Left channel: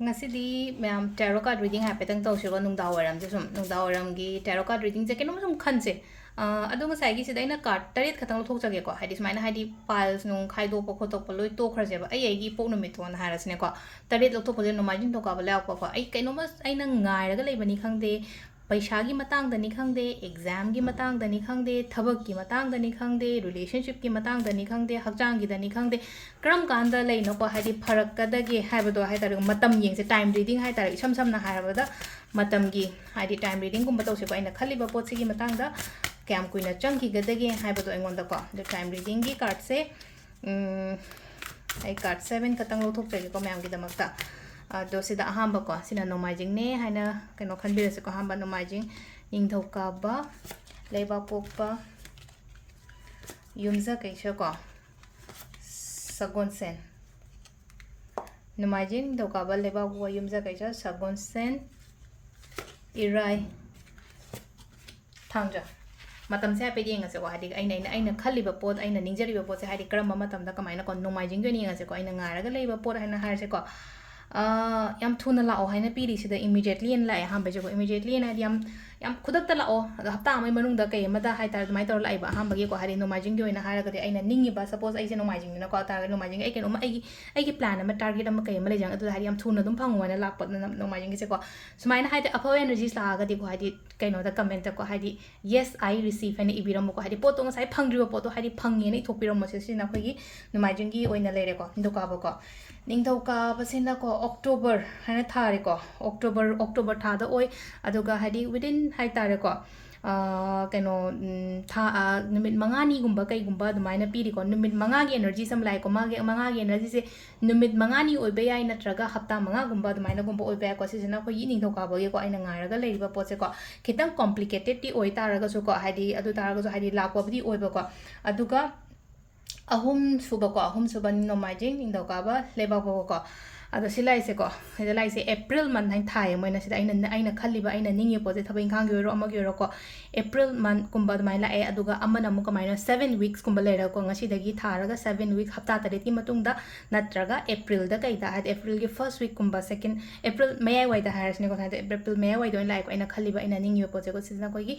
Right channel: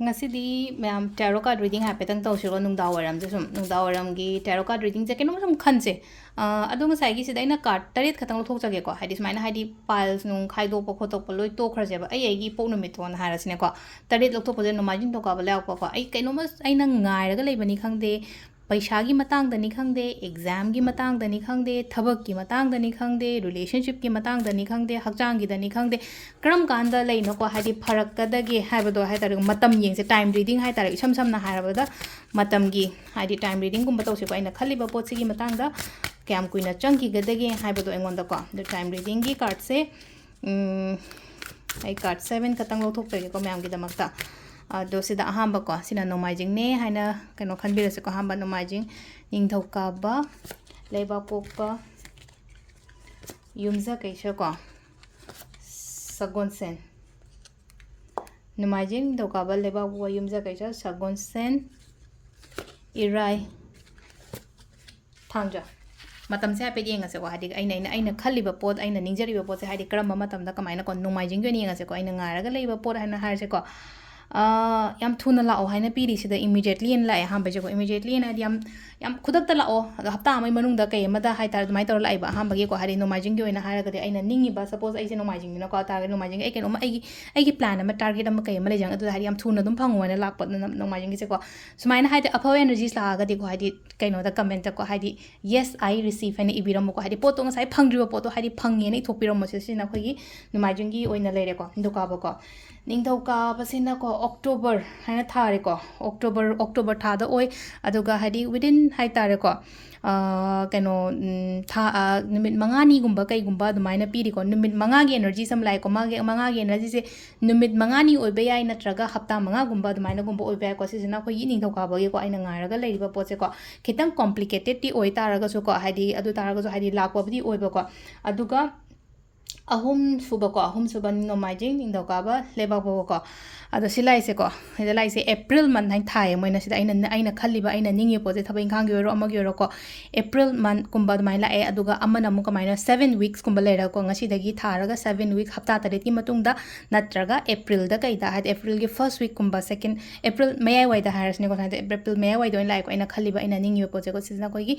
ꯉꯁꯤꯗꯤ ꯃꯌꯥꯝ ꯇꯦꯔꯣ card reading ꯍꯥꯏꯐꯦꯠꯇꯪ ꯇꯧꯁꯤꯀꯣ ꯅꯨꯡꯗꯥꯡꯋꯥꯏꯔꯝꯁꯦ ꯁꯨꯝ ꯅꯨꯡꯗꯥꯡꯋꯥꯏꯔꯝꯒꯤ ꯇꯦꯔꯣ ꯀꯥꯔꯗ ꯔꯤꯗꯤꯡꯁꯦ ꯀꯩꯅꯣꯝ ꯁꯨꯝ ꯈꯟꯁꯦ ꯑꯗꯣ ꯉꯁꯥꯏꯒꯤꯁꯤꯗ ꯑꯩꯅ ꯀꯥꯔꯗ 8 ꯈꯛꯇꯪ ꯂꯧꯊꯣꯛꯆꯒꯦꯀꯣ ꯍꯥꯏꯗꯤ ꯁꯨꯃꯥꯏꯅ ꯍꯥꯏꯗꯤ ꯄꯥꯏꯜꯁ ꯅꯨꯡ ꯈꯥꯏꯗꯣꯛꯄ ꯈꯣꯠꯇꯣꯛꯄ ꯂꯣꯏ ꯇꯣꯛꯈ꯭ꯔꯁꯦꯕ ꯑꯩꯒꯤ ꯏꯄꯣꯛ ꯅꯨꯃꯤꯠꯇꯣꯅ ꯍꯥꯏꯔꯁꯤꯅꯦꯀꯣ 8 ꯂꯧꯊꯣꯛꯄꯁꯦ ꯅꯣꯡꯃꯥꯏꯖꯤꯡ ꯅꯤꯡꯊꯧꯀꯥꯕ ꯂꯩꯔꯛꯄꯀꯣ ꯑꯩ ꯀꯩꯅꯣꯝꯃ ꯑꯩꯅ ꯉꯥꯏꯔꯒ ꯂꯩꯕꯅꯤ ꯈꯪꯗꯦ ꯄꯩꯁꯥꯒꯤ ꯃꯇꯥꯡꯗꯅꯤ ꯈꯪꯗꯦ ꯑꯦꯛꯖꯥꯝꯒꯤ ꯃꯇꯥꯡꯗꯅꯤ ꯈꯪꯗꯦ ꯊꯕꯛꯀꯤ ꯃꯇꯥꯡꯗꯅꯤ ꯈꯪꯗꯦ ꯔꯤꯂꯦꯁꯟꯁꯤꯞꯀꯤ ꯃꯇꯥꯡꯗꯅꯤ ꯈꯪꯗꯦ ꯍꯛꯆꯥꯡꯒꯤꯗꯅꯤ ꯈꯪꯗꯦ ꯀꯔꯝ ꯀꯥꯟꯗ ꯂꯩꯅꯣꯀꯣ ꯍꯥꯏꯗꯤ ꯐꯔꯛꯀꯗꯒꯦ ꯍꯥꯏꯕꯗꯣ ꯍꯥꯏꯇꯥꯔꯦ ꯃꯇꯝ ꯌꯦꯡꯁꯦ ꯇꯥꯏꯝ ꯔꯤꯗꯤꯡ ꯍꯥꯏꯇꯥꯔꯦ ꯏꯁꯝ ꯁꯝꯅ ꯍꯥꯏꯔꯕꯗ ꯃꯇꯝꯒꯤ ꯍꯥꯏꯗꯤ ꯇꯥꯏꯝ ꯔꯤꯗꯤꯡꯒꯨꯝꯕ ꯇꯧꯁꯤꯀꯣ ꯑꯩꯅ ꯈꯜꯂꯤꯕ ꯄꯣꯠꯁꯤꯒꯤ ꯃꯇꯥꯡꯗ ꯀꯌꯥꯝ ꯀꯨꯏꯅ ꯆꯪꯈꯤꯒꯗꯒꯦ ꯍꯥꯏꯕꯗꯣ ꯑꯩꯉꯣꯟꯗꯀꯣ ꯑꯗꯣ ꯇꯥꯏꯝ ꯔꯤꯗꯤꯡꯒꯤ ꯀꯥꯔꯗꯁꯦ ꯑꯩ ꯀꯥꯔꯗ 7 ꯈꯛꯇꯪ ꯂꯧꯊꯣꯛꯆꯒꯦꯀꯣ ꯃꯌꯥꯝꯒꯤꯗꯃꯛꯇ ꯑꯗꯣ ꯁꯤꯗ ꯑꯍꯥꯟꯕꯀꯣ ꯁꯤꯅ ꯅꯣꯡꯃꯥꯏꯖꯤꯡꯅꯦ ꯍꯥꯏꯅ ꯀꯩꯅꯣ ꯈꯟꯕꯤꯔꯁꯦꯀꯣ ꯑꯍꯥꯟꯕ ꯅꯣꯡꯃꯥꯏꯖꯤꯡ ꯅꯤꯡꯊꯧꯀꯥꯕ ꯂꯩꯕꯥꯛꯄꯣꯛꯄ ꯌꯨꯝꯖꯀꯩꯁꯀꯣ ꯁꯒꯣꯜꯁꯦꯟ ꯅꯣꯡꯃꯥꯏꯖꯤꯡ ꯅꯤꯡꯊꯧꯀꯥꯕ ꯂꯩꯕꯥꯛꯄꯣꯛꯄ ꯌꯨꯝꯖꯀꯩꯁ ꯁꯒꯣꯜꯁꯦꯟ ꯏꯔꯥꯏ ꯊꯥꯡꯖ ꯃꯇꯝꯁꯦ ꯍꯥꯏꯐꯦꯠ ꯌꯦꯡꯉꯁꯦꯀꯣ ꯍꯥꯏꯗꯤ ꯑꯩꯅ ꯈꯜꯂꯤꯕ ꯄꯣꯠ ꯑꯩꯅ ꯅꯤꯡꯖꯔꯤꯕ ꯄꯣꯠꯁꯦ ꯍꯥꯏꯗꯤ ꯀꯔꯝꯕ ꯃꯇꯝꯗ ꯀꯃꯥꯏꯅꯀꯣ ꯅꯣꯡꯃꯥꯏꯖꯤꯡꯒꯤ ꯑꯣꯏꯅ ꯌꯦꯡꯉꯁꯦꯀꯣ ꯑꯩꯅ ꯉꯥꯏꯔꯒ ꯂꯩꯕ ꯄꯣꯠ ꯍꯥꯏꯅ ꯍꯥꯏꯔꯁꯦꯀꯣ ꯌꯥꯝ ꯊꯨꯅ ꯂꯥꯛꯑꯣ ꯍꯥꯏꯅ ꯄꯤꯔꯤꯁꯤꯗ ꯏꯃꯤꯗꯤꯌꯦꯠꯂꯤ ꯍꯥꯏꯅ ꯂꯥꯛꯑꯦ ꯑꯍꯥꯟꯕꯩꯁꯦꯀꯣ ꯏꯃꯤꯗꯤꯌꯦꯠꯂꯤ ꯍꯥꯏꯗꯤ ꯌꯥꯝ ꯈꯨꯗꯛꯇ ꯂꯥꯛꯑꯣ ꯑꯗꯣ ꯍꯞꯇꯥ ꯑꯃꯒꯤ ꯃꯅꯨꯡꯗ ꯀꯩ ꯑꯃꯗ ꯍꯥꯏꯇꯥꯔꯦ ꯑꯗꯨꯃꯥꯏꯅ ꯇꯧꯔ ꯂꯥꯛꯑꯦꯕ ꯑꯍꯥꯟꯕꯒꯤꯀꯣ ꯍꯥꯏꯗꯤ ꯅꯣꯡꯃꯥꯏꯖꯤꯡꯒꯤ ꯑꯣꯏꯅ ꯍꯥꯏꯔꯒꯗꯤ ꯑꯩꯅ ꯅꯤꯡꯉꯤꯕ ꯁꯄꯣꯁ ꯑꯩꯁꯦ ꯅꯣꯡꯃꯥꯏꯖꯤꯡꯅꯤꯅꯀꯣ ꯇꯥꯔꯒꯗꯤ ꯅꯣꯡꯃꯥꯏꯖꯤꯡꯒꯤ ꯑꯩ ꯀꯩꯅꯣꯝꯃ ꯑꯩꯒꯤ ꯄ꯭ꯂꯥꯟ ꯑꯃ ꯇꯥꯔꯒꯦꯠ ꯑꯃ ꯀꯩ ꯑꯃ ꯂꯩꯖꯪ ꯑꯗꯨꯗ ꯍꯥꯏꯗꯤ ꯌꯥꯝ ꯊꯨꯅ ꯑꯗꯨꯝ ꯐꯪꯉꯣ ꯍꯥꯏꯅ ꯂꯥꯛꯄ ꯅꯣꯡꯃꯥꯏꯖꯤꯡꯒꯤꯁꯦꯀꯣ ꯁꯨꯃꯥꯏꯅ ꯍꯥꯏꯗꯤ ꯑꯐꯕ ꯑꯦꯅꯔꯖꯤꯁ ꯂꯥꯛꯑꯒꯗꯤꯀꯣ ꯍꯥꯏꯗꯤ ꯀꯩꯅꯣꯗ ꯀꯃꯦꯟꯇꯀꯣ ꯍꯥꯏꯗꯤ ꯌꯦꯁ ꯑꯥꯏ ꯔꯤꯁꯤꯞ ꯍꯥꯏꯅ ꯏꯕꯤꯔꯝꯃꯨꯀꯣ ꯍꯥꯏꯗꯤ ꯄꯣꯠꯇꯣ ꯉꯁꯥꯏ ꯐꯪꯗ꯭ꯔꯤꯕ ꯄꯣꯠꯇꯣ ꯍꯥꯏꯗꯤ ꯐꯪꯉꯦꯅ ꯏꯊꯣꯛꯄꯤꯔꯝꯃꯣ ꯁꯤꯅ ꯑꯩꯈꯣꯏꯒꯤ ꯅꯣꯡꯃꯥꯏꯖꯤꯡꯒꯤ ꯑꯣꯏꯅ ꯂꯩꯔꯦꯀꯣ ꯅꯤꯡꯊꯧꯀꯥꯕꯀꯣ ꯅꯤꯡꯊꯧꯀꯥꯕꯁꯤꯅꯀꯣ ꯑꯣꯛꯇꯣꯕꯔ ꯍꯥꯏꯅ ꯊꯥꯔꯦꯀꯣ ꯑꯣꯛꯇꯣꯕꯔ ꯊꯥꯗ ꯑꯣꯏ ꯑꯗꯨꯒ ꯍꯥꯏꯗꯤ ꯋꯤꯗꯤꯟ ꯍꯥꯏꯇꯥꯔꯦꯀꯣ ꯀꯩꯅꯣ ꯊꯥ ꯅꯨꯃꯤꯠ 5ꯅꯤꯒꯨꯝꯕ ꯀꯩꯒꯨꯝꯕ ꯑꯗꯨꯃꯥꯏꯅ ꯄꯤꯔꯤꯀꯣ ꯅꯨꯃꯤꯠ 5ꯒꯤ ꯑꯦꯅꯔꯖꯤꯁ ꯑꯃ ꯂꯥꯛꯑꯦꯀꯣ ꯃꯉꯥꯒꯤ ꯑꯦꯅꯔꯖꯤꯁꯦ ꯅꯨꯃꯤꯠ 5ꯅꯤ ꯑꯣꯏꯕ ꯌꯥꯏ ꯅꯠꯇ꯭ꯔꯒ ꯍꯞꯇꯥ 5ꯒꯨꯝꯕ ꯑꯗꯨꯃꯥꯏꯅꯒꯨꯝꯕ ꯑꯣꯏꯕ ꯌꯥꯏꯀꯣ ꯁꯤꯁꯤꯅ ꯑꯩꯈꯣꯏꯒꯤ ꯅꯤꯡꯊꯧꯀꯥꯕꯒꯤꯀꯣ ꯑꯩꯅ ꯉꯥꯏꯔꯒ ꯂꯩꯔꯤꯕ ꯄꯣꯠꯁꯦꯀꯣ ꯈꯤꯇꯪ ꯀꯣꯝꯄ꯭ꯂꯤꯀꯦꯇꯦꯗꯇꯤ ꯑꯣꯏ ꯇꯥꯔꯒꯁꯨꯀꯣ ꯍꯥꯏꯗꯤ ꯑꯗꯨ ꯇꯥꯔꯒꯁꯨ ꯍꯥꯏꯗꯤ ꯂꯥꯛꯄꯕꯨꯗꯤ ꯑꯣꯏꯕꯀꯣ ꯑꯗꯨꯒ ꯑꯍꯨꯝꯁꯨꯕ ꯅꯣꯡꯃꯥꯏꯖꯤꯡ ꯅꯤꯡꯊꯧꯀꯥꯕ ꯂꯩꯕꯥꯛꯄꯣꯛꯄꯀꯣ ꯑꯗꯣ ꯁꯤ ꯂꯥꯛꯏꯁꯦꯀꯣ ꯁꯤꯗ ꯂꯥꯛꯏꯁꯦ ꯑꯦꯄ꯭ꯔꯤꯜ ꯃꯟ ꯍꯥꯏꯅ ꯊꯥꯏꯌꯦ ꯃꯣꯏꯅ ꯁꯤꯗ ꯑꯩꯅ ꯈꯜꯂꯤꯕ ꯑꯩꯅ ꯅꯤꯡꯉꯤꯕ ꯄꯣꯠꯁꯦ ꯊꯕꯛ ꯏꯪꯈꯥꯡꯒꯤ ꯑꯣꯏꯔꯣ ꯑꯃꯒꯤ ꯑꯣꯏꯔꯣꯀꯣ ꯑꯦꯄ꯭ꯔꯤꯜ ꯃꯟꯠꯀꯨꯝꯕ ꯑꯗꯨꯃꯥꯏꯅ ꯂꯥꯛꯑꯦ ꯑꯗꯨꯒ ꯑꯃꯅ ꯑꯃꯨꯛ ꯀꯃꯥꯏꯅ 7 ꯋꯤꯛꯁꯀꯨꯝꯕ ꯂꯩꯔꯒꯀꯣ ꯉꯁꯤꯗꯒꯤ ꯊꯥꯔꯒ 7 ꯋꯤꯛ ꯍꯞꯇꯥ 8ꯀꯤ ꯃꯇꯨꯡꯗ ꯅꯠꯇ꯭ꯔꯒ ꯑꯦꯄ꯭ꯔꯤꯜꯗ ꯀꯩꯗ ꯍꯥꯏꯗꯤ ꯑꯦꯄ꯭ꯔꯤꯜꯒꯤ ꯐꯔꯁꯠ ꯋꯤꯛꯀꯨꯝꯕ ꯁꯦꯀꯦꯟ ꯑꯦꯄ꯭ꯔꯤꯜ ꯃꯌꯥꯏꯋꯥꯏꯗ ꯍꯥꯏꯔꯁꯤꯅꯦꯀꯣ ꯍꯥꯏꯗꯤ ꯑꯦꯄ꯭ꯔꯤꯜ ꯃꯌꯥꯏꯋꯥꯏꯗ ꯑꯣꯏꯅ ꯂꯥꯛꯑꯦꯀꯣ ꯑꯩꯅ ꯈꯜꯂꯤꯕ ꯑꯩꯅ ꯅꯤꯡꯉꯤꯕ ꯄꯣꯠꯁꯦꯀꯣ ꯁꯤꯁꯤꯅ ꯑꯩꯈꯣꯏꯒꯤ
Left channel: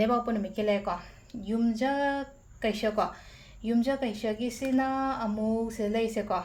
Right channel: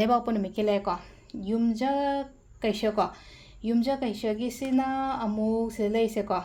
ꯂꯩꯕꯥꯛꯄꯣꯛꯄ ꯅꯨꯃꯤꯠꯀꯤ ꯂꯩꯔꯦꯀꯣ ꯌꯨꯝꯖꯀꯩꯁꯀꯣ ꯌꯨꯝꯖꯀꯩꯁꯒꯤꯁꯤꯅ ꯑꯃꯨꯛ ꯁꯤꯗ ꯂꯩꯁꯦꯀꯣ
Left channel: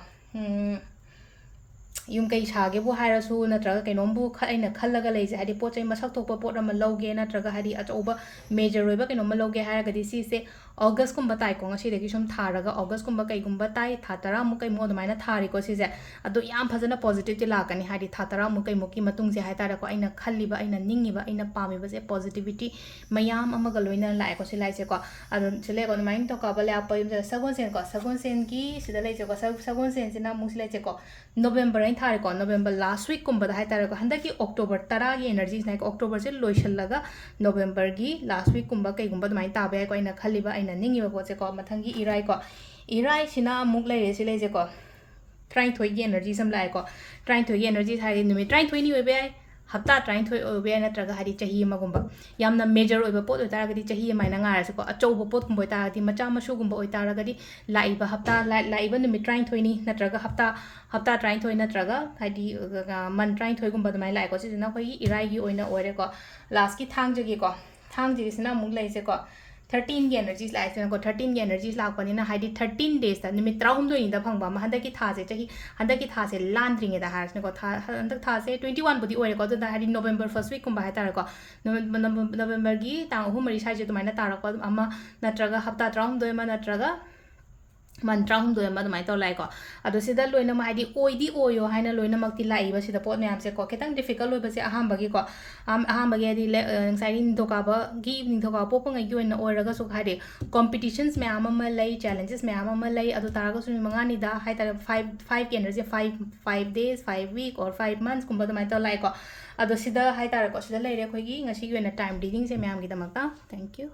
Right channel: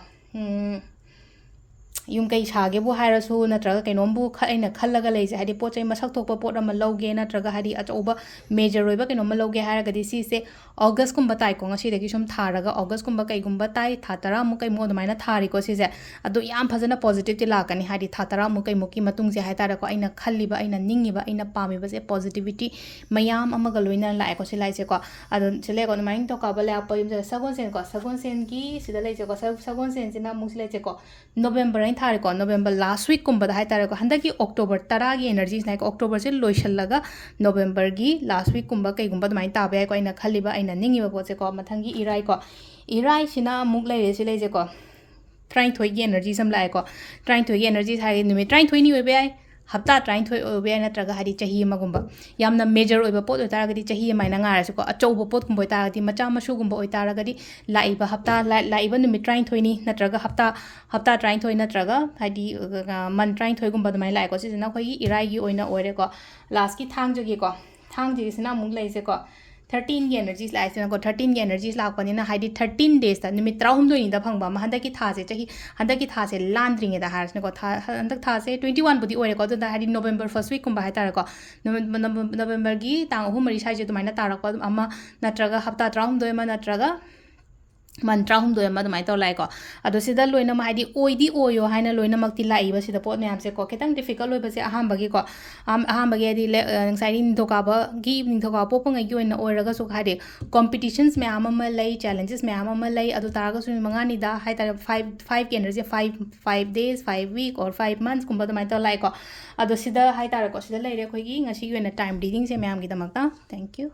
ꯌꯨꯝꯀꯩ ꯁꯥꯒꯦꯕꯨ ꯍꯥꯏꯔꯁꯨ ꯅꯠꯇ꯭ꯔꯒ ꯀꯩꯅꯣꯝꯕꯨ ꯑꯩꯅ ꯈꯜꯂꯒ ꯂꯩꯁꯦ ꯍꯥꯏꯗꯤ ꯄꯣꯠ ꯆꯩ ꯃꯁꯛ ꯊꯣꯛꯄ ꯄꯣꯠ ꯑꯃ ꯂꯧꯒꯦ ꯅꯠꯇ꯭ꯔꯒ ꯍꯥꯏꯗꯤ ꯑꯆꯧꯕ ꯃꯦꯖꯔ ꯑꯣꯏꯕ ꯀꯩꯅꯣꯝꯃ ꯂꯧꯒꯦ ꯍꯥꯏꯔꯒꯗꯤ ꯁꯤꯁꯦ ꯑꯣꯒꯁꯀꯨꯝꯕ ꯇꯥꯏꯀꯣ ꯉꯁꯤꯗꯒꯤ ꯁꯨꯝ ꯊꯥꯔꯒ ꯑꯣꯒꯁꯀꯨꯝꯕ ꯀꯩꯒꯨꯝꯕ ꯇꯥꯏ ꯊꯥ 10ꯃꯨꯛ ꯀꯩꯃꯨꯛ ꯑꯗꯨꯃꯥꯏꯅ ꯊꯥꯔꯤꯀꯣ ꯁꯤꯁꯦ ꯑꯗꯣ ꯌꯥꯝ ꯐꯖꯅ ꯄꯣꯖꯤꯇꯤꯕꯇꯤ ꯂꯥꯛꯀꯅꯤ ꯍꯥꯏꯗꯤ ꯊꯥ 10ꯃꯨꯛ ꯀꯩꯃꯨꯛꯀꯤ ꯃꯇꯨꯡꯁꯦ ꯍꯥꯏꯇꯥꯔꯦꯀꯣ ꯑꯩꯅ ꯈꯜꯂꯤꯕ ꯑꯩꯅ ꯅꯤꯡꯉꯤꯕ ꯑꯩꯅ ꯄꯥꯝꯃꯤꯕꯁꯦ ꯄꯣꯖꯤꯇꯤꯕꯤꯇꯤ ꯃꯌꯥꯝ ꯑꯃꯒ ꯂꯣꯏꯅꯅ ꯂꯥꯛꯑꯦꯀꯣ ꯁꯤ ꯂꯥꯛꯏꯁꯦꯀꯣ ꯑꯗꯣ ꯁꯤ ꯂꯩꯀꯣ ꯑꯗꯨꯃꯥꯏꯅ ꯇꯧꯀꯥꯕ ꯂꯩꯔꯛꯄ ꯌꯨꯝꯁꯦ ꯁꯒꯣꯜꯁꯦꯟꯀꯣ ꯁꯒꯣꯜꯁꯦꯟꯒꯤ ꯁꯤꯗ ꯂꯩꯁꯦꯀꯣ ꯁꯒꯣꯜꯁꯦꯟꯁꯤꯅ ꯑꯃꯨꯛ ꯁꯤ ꯂꯩꯁꯦꯀꯣ ꯅꯣꯕꯦꯝꯕꯔ ꯍꯥꯏꯅ ꯊꯥꯔꯦꯀꯣ ꯅꯣꯕꯦꯝꯕꯔ ꯂꯥꯁ ꯋꯤꯛꯀꯨꯝꯕꯗ ꯍꯥꯏꯇꯥꯔꯦꯀꯣ ꯍꯟꯗꯛꯀꯤ ꯑꯣꯛꯇꯣꯕꯔ 10ꯒꯤ ꯑꯦꯅꯔꯖꯤꯁꯤꯅ ꯑꯣꯛꯇꯣꯕꯔꯁꯦ ꯂꯣꯏꯁꯤꯜꯂꯒ ꯅꯣꯕꯦꯝꯕꯔꯒꯤ ꯂꯥꯁ ꯋꯤꯛꯀꯨꯝꯕ ꯀꯩꯒꯨꯝꯕ ꯑꯗꯨꯃꯥꯏꯅ ꯇꯥꯕ ꯌꯥꯏꯀꯣ ꯑꯩꯅ ꯈꯜꯂꯤꯕ ꯑꯩꯅ ꯅꯤꯡꯉꯤꯕ ꯄꯣꯠꯁꯦꯀꯣ ꯃꯊꯪꯒꯤ ꯏꯔꯥꯏꯀꯣ ꯏꯔꯥꯏꯁꯤꯅ ꯑꯃꯨꯛ ꯂꯩꯔꯦ ꯁꯤ ꯂꯩꯁꯦꯀꯣ 39ꯒꯤ ꯑꯦꯅꯔꯖꯤꯁ ꯑꯃ ꯂꯥꯛꯑꯦꯀꯣ 39ꯒꯤ ꯑꯦꯅꯔꯖꯤꯁ ꯍꯥꯏꯗꯤ ꯅꯨꯃꯤꯠ 39ꯅꯤ ꯑꯣꯏꯕ ꯌꯥꯏ ꯍꯞꯇꯥ 39 ꯑꯣꯏꯕ ꯌꯥꯏ ꯅꯠꯇ꯭ꯔꯒ ꯍꯥꯏꯗꯤ ꯆꯍꯤ ꯑꯃꯒꯨꯝꯕ ꯌꯥꯝꯅ ꯃꯦꯖꯔ ꯑꯣꯏꯕ ꯄꯣꯠ ꯑꯣꯏꯇꯥꯔꯒꯗꯤ ꯆꯍꯤ ꯑꯃꯥꯏꯅ ꯉꯥꯏꯔꯁꯨꯀꯣ ꯑꯆꯧꯕ ꯄꯣꯠꯀꯨꯝꯕ ꯑꯣꯏꯇꯥꯔꯒꯗꯤ ꯃꯆꯥ ꯃꯁꯨꯒꯨꯝꯕ ꯑꯣꯏꯇꯥꯔꯒꯗꯤ ꯂꯥꯛꯏꯕ ꯅꯨꯃꯤꯠ 39ꯅꯤ ꯅꯠꯇ꯭ꯔꯒ ꯍꯞꯇꯥ 39 ꯅꯠꯇ꯭ꯔꯒ ꯍꯥꯏꯗꯤ ꯃꯟ 39ꯒꯨꯝꯕ ꯑꯗꯨꯃꯥꯏꯅ ꯂꯥꯛꯑꯦꯀꯣ ꯁꯤꯁꯤꯅ ꯑꯩꯈꯣꯏꯒꯤ ꯏꯔꯥꯏꯒꯤ ꯑꯣꯏꯅ ꯑꯣꯏꯔꯦꯀꯣ ꯂꯥꯁꯀꯤ ꯊꯥꯡꯖꯒꯤꯀꯣ ꯊꯥꯡꯖꯒꯤꯁꯤꯅ ꯑꯃꯨꯛ ꯂꯩꯁꯦꯀꯣ 13ꯒꯤ ꯑꯦꯅꯔꯖꯤꯁ ꯂꯥꯛꯏꯁꯤꯅꯀꯣ 13ꯒꯤ ꯑꯦꯅꯔꯖꯤꯁ ꯂꯥꯛꯄꯅꯤꯅ ꯍꯥꯏꯗꯤ 13 ꯗꯦꯖꯇ ꯅꯨꯃꯤꯠ 13ꯅꯤꯗ ꯐꯪꯕ ꯑꯃ ꯍꯟꯗꯛꯀꯤ ꯊꯥꯁꯦ ꯂꯥꯟꯗ꯭ꯔꯤꯉꯩꯗ ꯍꯥꯏꯔꯁꯤꯅꯀꯣ hantak thase 21 budi oire ko da hari November first week kumba haitare ko November gi tang ahum mari sai je tumaina tarako ama natraga hapta 13 ma natraga mantra hum do ma mai to lai ko ado sida loina ma hadi oidi oyo haina loina makti lai ba sida pot nyam se ko ketang difficult oi ba se aham bagi ko aham bagi di sai nin to ka ba gi nin to ka po pang gi oina oraga so hadi competitions me ama lai challenges me ama lai ado taraga su manga ni da hai tar 5 energy 5 days 5 week or 5 months kumba mai to lai ko ado sida hai tar ko sida lai re khoi gi ngasi gi oina time reading se me am gi da makta thank you